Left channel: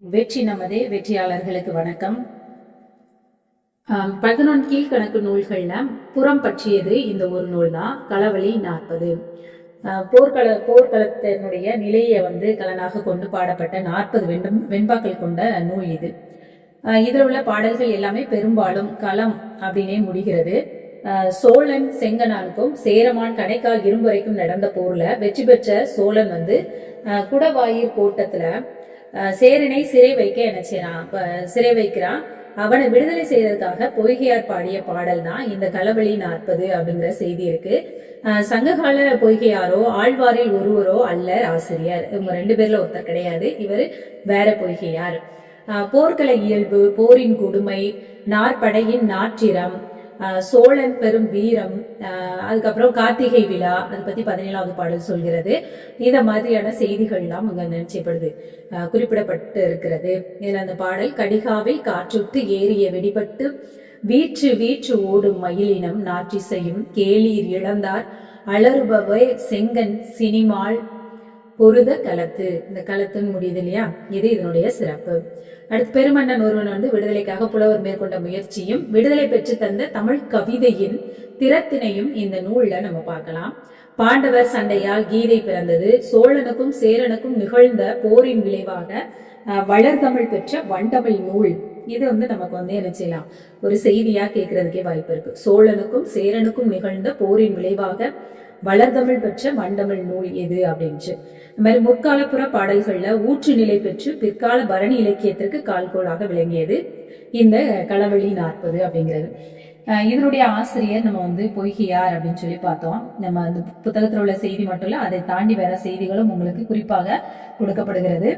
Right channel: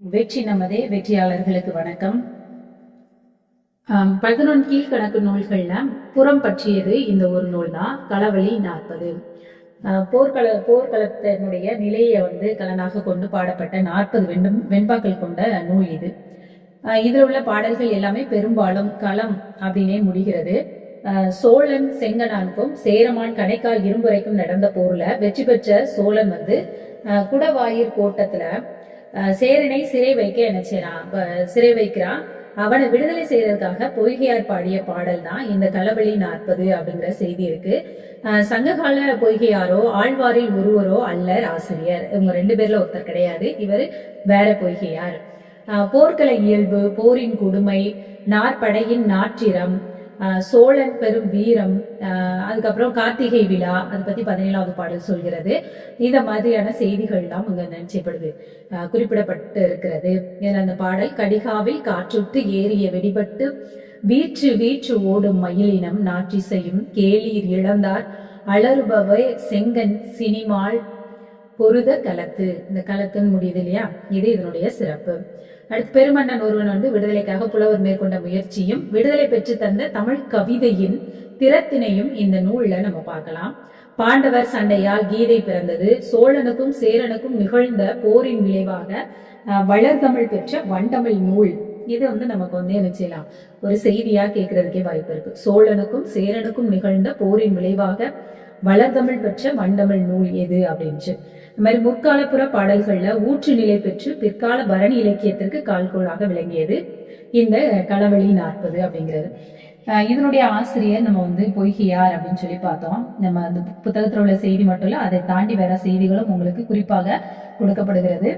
வெற்றி நமதே வெற்றியாளர்களுக்கு வணக்கம். பதினொன்று கீழ்கணக்கு நூல்களில் புறம் பற்றியது இந்த ஒரு நூல் தான் களவழி நாற்பது. போர்க்கள போர்க்களத்தினுடைய நிலையை வந்து கலனாக கொண்டு பாடப்பட்ட நாற்பது வெண்டும் வெண்பாக்கள் கொண்ட நூல் இது. இதில் உள்ள பாடல்கள் எல்லாமே பெரும்பாலும் களம் அப்படின்னே முடிகிறது. சோழன் செங்கனானுக்கும் சேரமான் கணைக்கால் இரும்புரைக்கும் நடந்த போர்ல வெற்றி பெற்ற சோழன் வந்து குடவாயிர் கோட்டத்துல சேரனை சிறை வைக்க என்ன செய்றான் சிறை வைக்கிறான் அவனை விடுதலை செய்யறதுக்காக பொய்கையார் பாடிய பாடல் தான் இந்த களவழி நாற்பது அப்படிங்கிற செய்தி இருக்கு. சங்ககால பொய்கையாரோ ஆழ்வாரில் ஒருவரோ அல்லர் ஆசிரியர். இவங்க ரெண்டு பேர்ல ஒருத்தர் கிடையாது. இவர் வேற பொய்கையார். ஆஹ், போர்க்கள இயல்பு போரின் கொடுமை நாற்படையின் நாற்றிரம் சோழன் பெரும் வீரம் அதுக்கப்புறம் கார்த்திகை விழா அதை பத்தி பதினேழாவது பாடல் சொல்கிறது. இந்த மாதிரியான செய்திகள்லாம் அங்க நினைச்சப்படுது. குறிப்பிடப்பட்டு இருக்கிறது. இதில் அந்த பாடல் கடிகாவில் காற்றுட்டு ஏறிய வெடிபட்டு வீற்று வீற்று ஓடும் மயிலினம் நாற்றிசையும் கேளீர் இழந்தார் அலறுபவை செங்கன் சினிமாள் பொருத களத்து இந்த களத்துன்னு முடியுது இல்லையா? இது இதனுடைய சிறப்பு. அடுத்து பெருமன்னன் ஒருவன் வந்து விடுதலைக்காக புலவர் மேற்கொண்ட முயற்சியும் விடுதலை பெற்று தந்த தமிழ் கவிதையின் திறத்தினையும் இந்த நூல்ல நம்ம பார்க்கலாம். பாண்டவர் சண்டையால் கீதை பிறந்தது. சோழனுக்கும் சேரனுக்கும் நிகழ்ந்த போரின் விளைவாக வளர்தமிழ் பெற்ற வண்டமிழ் நூல். இது வந்து நமக்கு வந்து என்ன செய்யலாம்? ஒரு செய்தியா கேட்கறதுக்கே வாய்ப்பு இருக்கு. சோழனுக்கும் சேரனுக்கும் நிகழ்ந்த போரின் விளைவாக வளர்தமிழ் பெற்ற வண்டமிழ் நூல் எது அப்படின்ட்டு இந்த மாதிரி முற்காலப்புற பாடல்கள்ல ஊற்று நிலை பெற்று பிற்கால பரணி இலக்கியத்திற்கு கால்கோளாக விளங்கியது இந்த களவழி நாற்பது அப்படிங்கிறது. இதனுடைய ஆசிரியர் நம்ம வந்து பொய்கையார் அப்படின்னு சொல்லி பார்த்தோம். நம்ம அந்த புத்தகத்தில் உள்ள செய்தி மட்டும் இல்லை அதை தாண்டி வேற செய்திகளும் உங்களுக்கு குறிப்பாக கொடுக்கப்படுகிறது.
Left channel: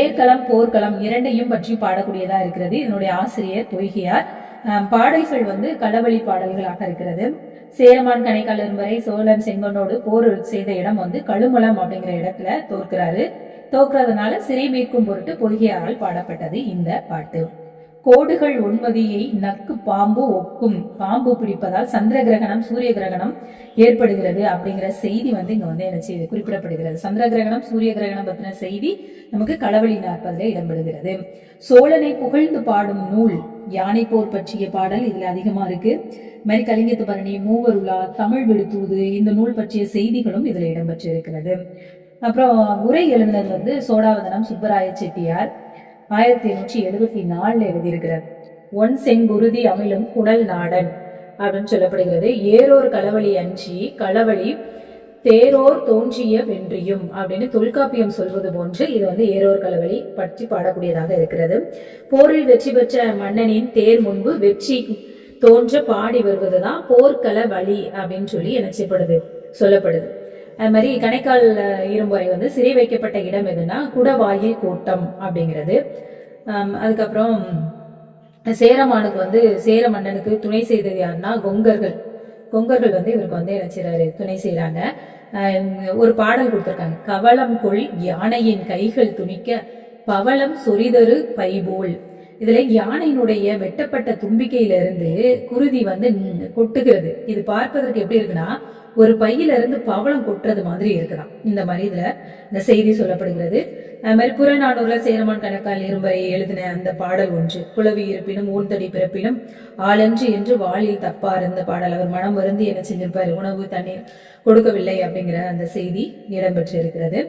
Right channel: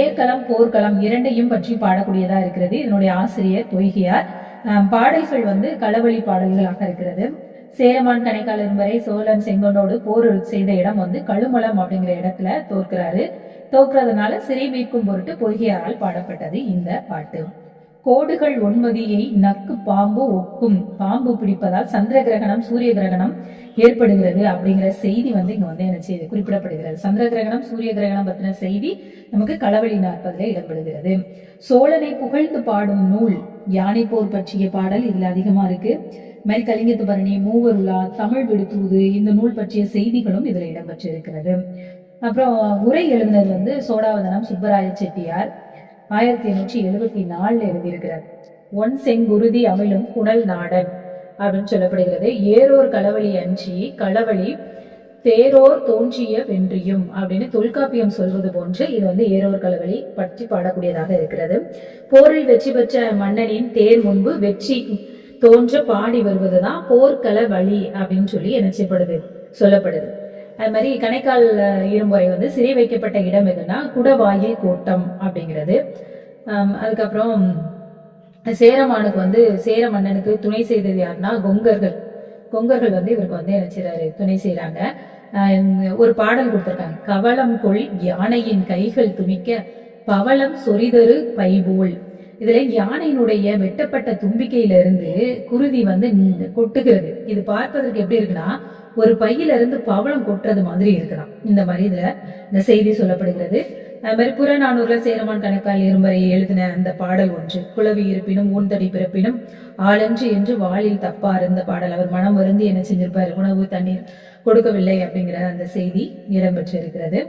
ஏற்களம் போர்க்களம் இரண்டையும் பற்றி பாடக்கூடியதா இருக்கிறது. இதனுடைய ஆசிரியர் பொய்கையார். பாடல்கள் வந்து களவழி பாடல்களாக இருக்கிறது. சேரமான் கணைக்கால் இரும்பரை சோழன் செங்கனோடு போர் செய்த இடம் வந்து கழுமலம் அப்படிங்கிற இடத்துல தோற்கிறாரு. தோற்கிறதுனால சிறை மீட்கும் பொருட்டு பொய்கையாரால் பாடப்பட்டது இந்த பாட்டு. கோடுகள் ஒன்மதியை நக்கு பாம்பு ஒக்கும். பாம்பு பிடிப்பதால் சந்திர கிரகணம் சூரிய கிரகணம் ஏற்படுகிறது அப்படிங்கிற செய்தி வந்து இங்க வந்து என்ன செய்து குறிப்பிடப்படுகிறது. சந்திர கிரகணம் சூரிய கிரகணம் பத்தின செய்தி நமக்கு களவழி நாற்பதுல இடம்பெறுகிறது. சோழனை புகழ்ந்து பாடும் நூல் யானை போர் பற்றிய பாடல் இதுல அதிகமா இருக்கு. மாதிரி கலிங்கத்து பரணி தமிழ் விடுத்தூது இந்த நூல் பற்றிய செய்திகளும் இதுல இடம்பெற்றிருக்கிறது. அப்புறம் உரை எழுதினது வந்து சோடாவதனம் சுப்பராய செட்டியார் ஆயிரத்தி எண்ணூற்றி எழுபத்தி நாலில் எழுதியிருக்கிறார். ஒன் செங்குருதி அமிழும் குணல் நாடன் அப்படின்னு சொல்லப்படுகிறது. ஏரோர் களவழி அஞ்சி களவழி தேரோர் தோன்றிய வென்றியும் அப்படின்னு தொல்காப்பியம் சொல்வது போன்று இது வந்து ஏரோர் களவழி பற்றி பாடக்கூடியதாக இருக்கிறது. போரில் வெற்றி பெற்ற மன்னனின் தேர் முன்பு வெற்றி தோன்ற பாடி வருவது தான் போர்க்கள வழி அப்படின்னு சொல்லி நினைச்சப்படுது செய்யப்படுது சொல்லப்படுது. அது மாதிரி கணைக்கால் இரும்புறை இரும்புரை வந்து சிறை வைக்கப்பட்ட இடம் எதுனா குடவாயில் கோட்டம் அப்படிங்கிறது. அதுக்கப்புறம் சேரமானுக்கு வந்து சேர மன்னனுக்கு துணை செய்தது யாருன்னா கொங்கர்கள். கொங்கர்கள் வந்து இவருக்கு வந்து என்ன செய்றாரு துணை செய்கிறாங்க ஒரு பாடல் கொடுத்துருக்காங்க. கவளம் கொள் யானையின் கைகள் துணிக்க பவளம் சொரிதரு பைபோல். இதுல யானையினுடைய வெட்டப்பட்ட தும்பிக்கையில இருந்து குருதி வந்து கொட்டுகிறது. இது பார்ப்பதற்கு எப்படி இருக்குன்னா ஒரு பையில இருந்து பவளம் கொட்டுறது மாதிரி இருக்கலாம். இந்த மாதிரி இதுல இந்த செய்தி சொல்லப்படுகிறது. அது மாதிரி புறநானூர்ல சேரமான் கணக்கால் இரும்பரை எழுதின அந்த பாடல் ஒன்று குளவி இருப்பினும் ஊன்தடி பிறப்பினும் ஆளன்று என்று வாளில் தப்பார் இந்த பாடல். அவர் மனம் வருந்தி என்ன செஞ்சிருப்பாரு? உணவு தண்ணீர் கொடுக்கவில்லை அப்படிங்கிற அந்த செய்தி இடம்பெற்று இருக்கிறது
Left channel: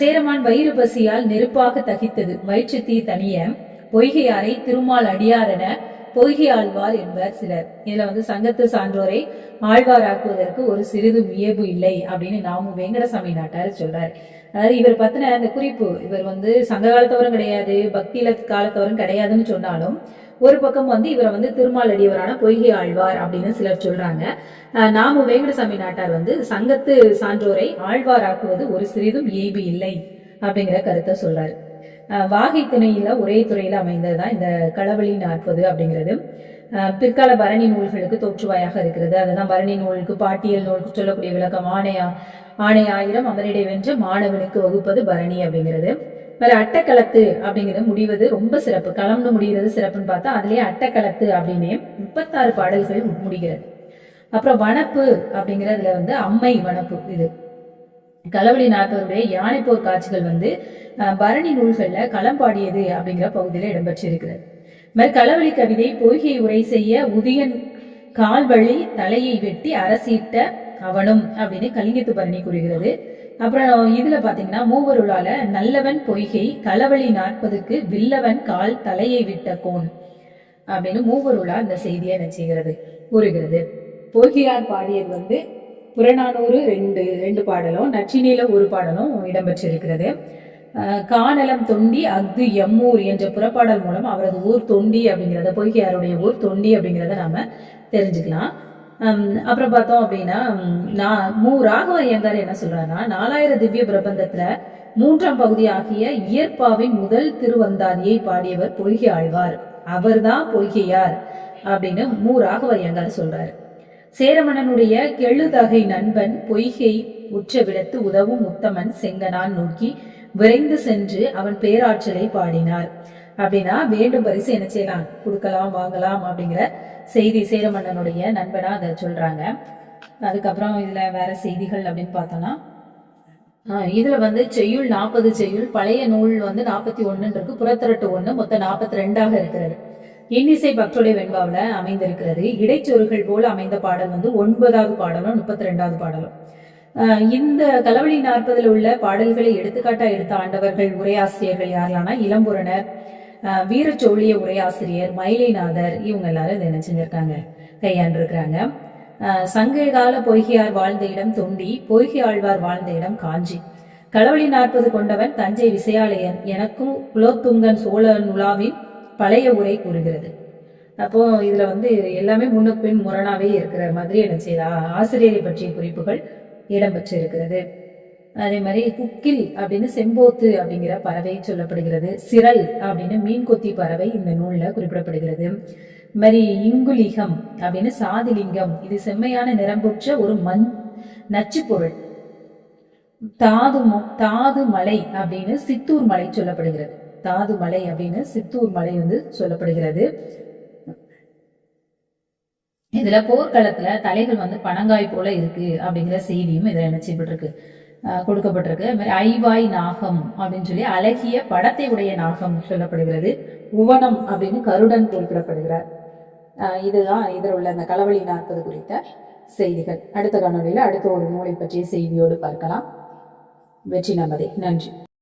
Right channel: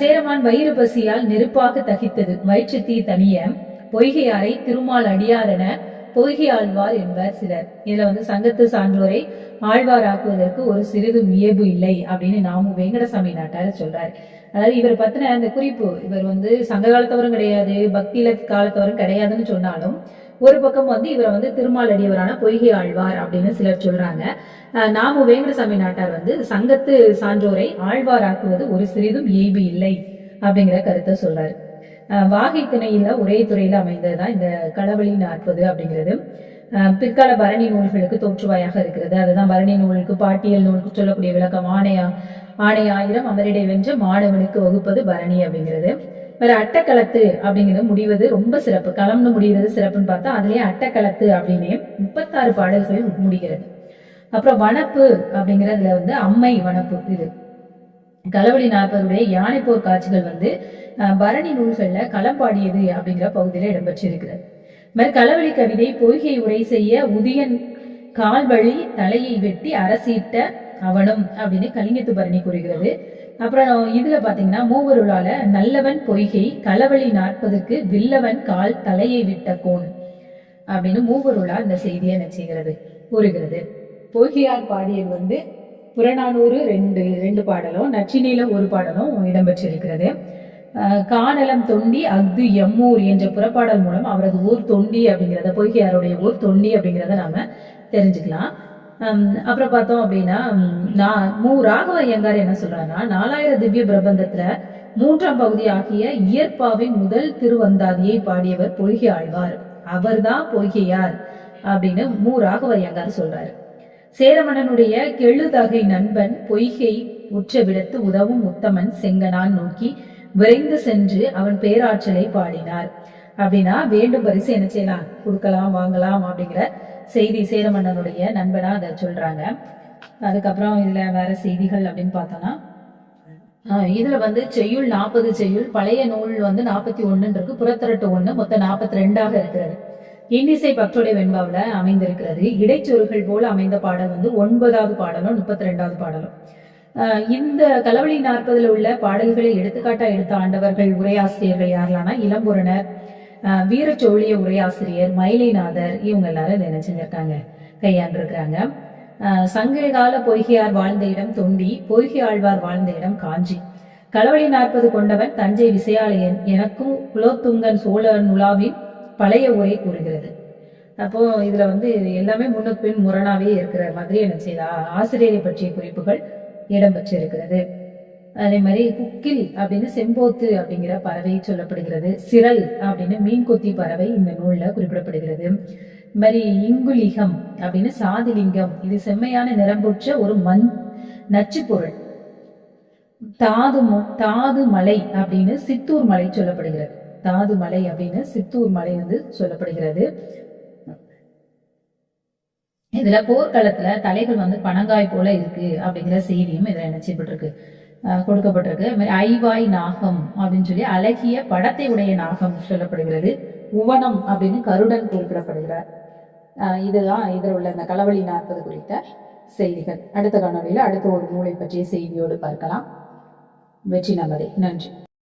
சேரமான் வயிறு பசியால் நெருப்பாக தகித்தது. வயிற்று தீ தனிய பொய்கையாரை திருமால் அடியார் என பொய்கை ஆழ்வார் என்பர் சிலர். இதுல வந்து சங்கத்து சான்றோரை ஆழ்வாராக்குவதற்கு ஒரு சிறிது வியப்பு இல்லை அப்படின்னு நாமு வெங்கடசாமி நாட்டார் சொல்றாரு. அதாவது இவர் பத்தின அந்த குறிப்பு இவர் வந்து சங்க காலத்தவரும் கிடையாது பக்தியில காலத்தவரும் கிடையாதுன்னு சொன்னாலும் ஒரு பக்கம் வந்து இவரை வந்து திருமால் அடியவரான பொய்கை ஆழ்வார் அப்படின்னு சிலர் சொல்றாங்க. அஹ் நாமு வேங்கடசாமி நாட்டார் வந்து சங்கத்து சான்றோரை ஆழ்வாராக்குவது ஒரு சிறிதும் ஏய்பு இல்லை அப்படிங்கிற கருத்தை சொல்றாரு. வாகை துணையில் ஒரே துறையில் அமைந்தது தான் இந்த களவழி நாற்பது அப்படிங்கிறது. பிற்கால பரணி நூல்களுக்கு தோற்றுவாயாக இருக்கிறது. அதுதான் பரணி நூலுக்கு பாட்டியல் நூலுக்கு சொல்லக்கூடிய விளக்கம். ஆணையா ஆணை ஆயிரம் அமரிடை வென்ற மாணவனுக்கு வகுப்பது பரணி அப்படிங்கிறது. வேற அட்டக்களத்து அப்படிங்கிறது முடிவது ரொம்ப சிறப்பு. களம்னு முடிகிறது சிறப்புன்னு பார்த்தா அதுலேயே அட்டக்களத்து அப்படின்னே முப்பத்தாறு பாடல்கள் முடிகிறது. அப்புறம் வனப்பு அப்படிங்கிறதுல வந்து அம்மை வனப்பு இது. களவழி நாற்பதுடைய யானைப்போர் காட்சிகள் வந்து பரணி நூல்களில் களம் பாடியது அப்படிங்கிற பகுதியில் இடம்பெற்றிருக்கிறது. இது மாதிரி களவழி கவிதை பொய்கை உரை செய்ய உதியன் கால்வழி தலையை வெட்டி அரசிட்ட அவனும் அப்படின்னு கலிங்கத்து பரணி கூறுகிறது. அப்புறம் இதுல பாத்தீங்கன்னா மூவருளால நல்லவன் பொய்கை களவழி நாற்பதுக்கு வில்லவன் கால் தலையை விட்ட கோன் அப்படின்னு மூவருளா இந்த செய்தியை என்ன செய்கிறது கூறுகிறது. பொய்கையார் பாடியது வந்து புறநானூறு ரெண்டு ரெண்டு பாடலும் நச்சினில ஒரு பாடலும் இடம்பெற்றிருக்கிறது. காணலம் தொண்டி அஃது எம்மூர் என்ற புறப்பாடல் மூலம் அவரது ஊர் தொண்டி அப்படிங்கிறத பொய்கையாருடைய ஊர் தொண்டி அப்படிங்கிறத நாம் தெரிஞ்சுக்கலாம். அப்புறம் பார்த்தோம் அப்படின்னா நான் மு ராகவ ஐயங்கார் என்ன சொல்றாருன்னா நாலாயிரம் திவ்ய பிரபந்தத்துல மூன்றாம் பகுதி ஆகிய இயற்பாவின் முதல் திருவந்தாதியை பாடியவர் பொய்கை ஆழ்வார். அவர்தான் பொய்கையார் அப்படின்னு மு ராகவ ஐயங்கார் சொல்றாரு. சேரமணனுடைய கெழுதகை நண்பன் பொய்கை உற்றவிடத்து உதவும் உத்தமன் செங்கனான் நோக்கி விரைந்து சென்று அவன் பேராற்றலை பாடினார். அப்படின்னா வேண்டும் பரிசு என்ன செய்யலாம்? கொடுக்கலாம் வாங்கலாம் அப்படிங்கிற செய்தி சேரமன்னனுடைய நண்பனா அதை சொல்றாங்க. அதுக்கப்புறம் இதுல வேற செய்திகள் அப்படின்னு பார்த்தோம்னா இதுல வந்து செய்யுள் நாற்பது செய்யுள் பழைய நூல் வந்து நாற்பத்தி ஒன்னு இருக்கு புறத்திரட்டு ஒன்று மொத்தம் நாற்பத்தி ரெண்டாக இருக்கிறது. இன்னிசை பக்தோடைய வெண்பாவில் அமைந்திருக்கிறது. இடைச்சொருகள் போல அமைந்த பாடல் வந்து ஒன்பதாவது பாடலும் முப்பத்தி ரெண்டாவது பாடலும் இந்த கலவழி நாற்பதில் உள்ள பாடல்களை எடுத்துக்காட்டா எடுத்த ஆண்டவர்கள் உரையாசிரியர்கள் யாரெல்லாம்னா இளம்புறனர் வீரச்சோழிய உரையாசிரியர் மயிலைநாதர் இவங்க எல்லாரும் இதை என்ன செஞ்சிருக்காங்க கையாண்டிருக்கிறாங்க. ஆஹ் சங்க கால பொய்கையார் வாழ்ந்த இடம் தொண்டி பொய்கை ஆழ்வார் வாழ்ந்த இடம் காஞ்சி. களவழி நாற்பது கொண்டவன் தஞ்சை விசயாலயன் எனக்கும் குலோத்துங்கன் சோழ நுலாவின் பழைய உரை கூறுகிறது. அப்போ இதுல வந்து எல்லாமே முன்னுக்கு பின் முரணாவே இருக்கிற மாதிரி என்ன செய்த? ஆசிரியரை பற்றிய குறிப்புகள் இடம்பெற்றிருக்கிறது. அதே மாதிரி குக்கில் அப்படின்னு செம்போத்து அப்படிங்கிற பறவை சொல்லப்படுகிறது. சிரல் அப்படின்னு மீன் கொத்தி பறவை இந்த நூலில் குறிப்பிடப்படுகிறது. இது மாதிரி இங்குலிகம் அப்படின்னு சாதிலிங்கம். இது செம்மையான நிறம்புற்ற ஒரு மண் நச்சு பொருள். தாது மொ- தாது மலை அப்படின்னு சித்தூர் மலை சொல்லப்படுகிறது. தாது மலை அப்படின்னு சித்தூர் மலை வந்து சொல்லப்படுகிறது. இதுல போர்க்களத்துல தலைகள் வந்து பனங்காய் போல இருக்கு அப்படிங்கிற செய்தியும் இதுல என்ன செய்யப்பட்டிருக்கு கொடுக்கப்பட்டிருக்கு. அது மாதிரி ஐவாய் நாகம் அப்படின்னு சொல்லி அழகிய படத்தை உடைய நாகம் சொல்லப்படுகிறது. உவனம் அப்படின்னு கருடன் குறிப்பிடப்படுகிறார். இதுதான் இதில் உள்ள அந்த களவழி நாற்பது குறித்த செய்திகள். அடுத்த காணொலியில் அடுத்த ஒரு நூலை பற்றிய செய்தியோடு பார்க்கலாம். வெற்றி நமதே. நன்றி.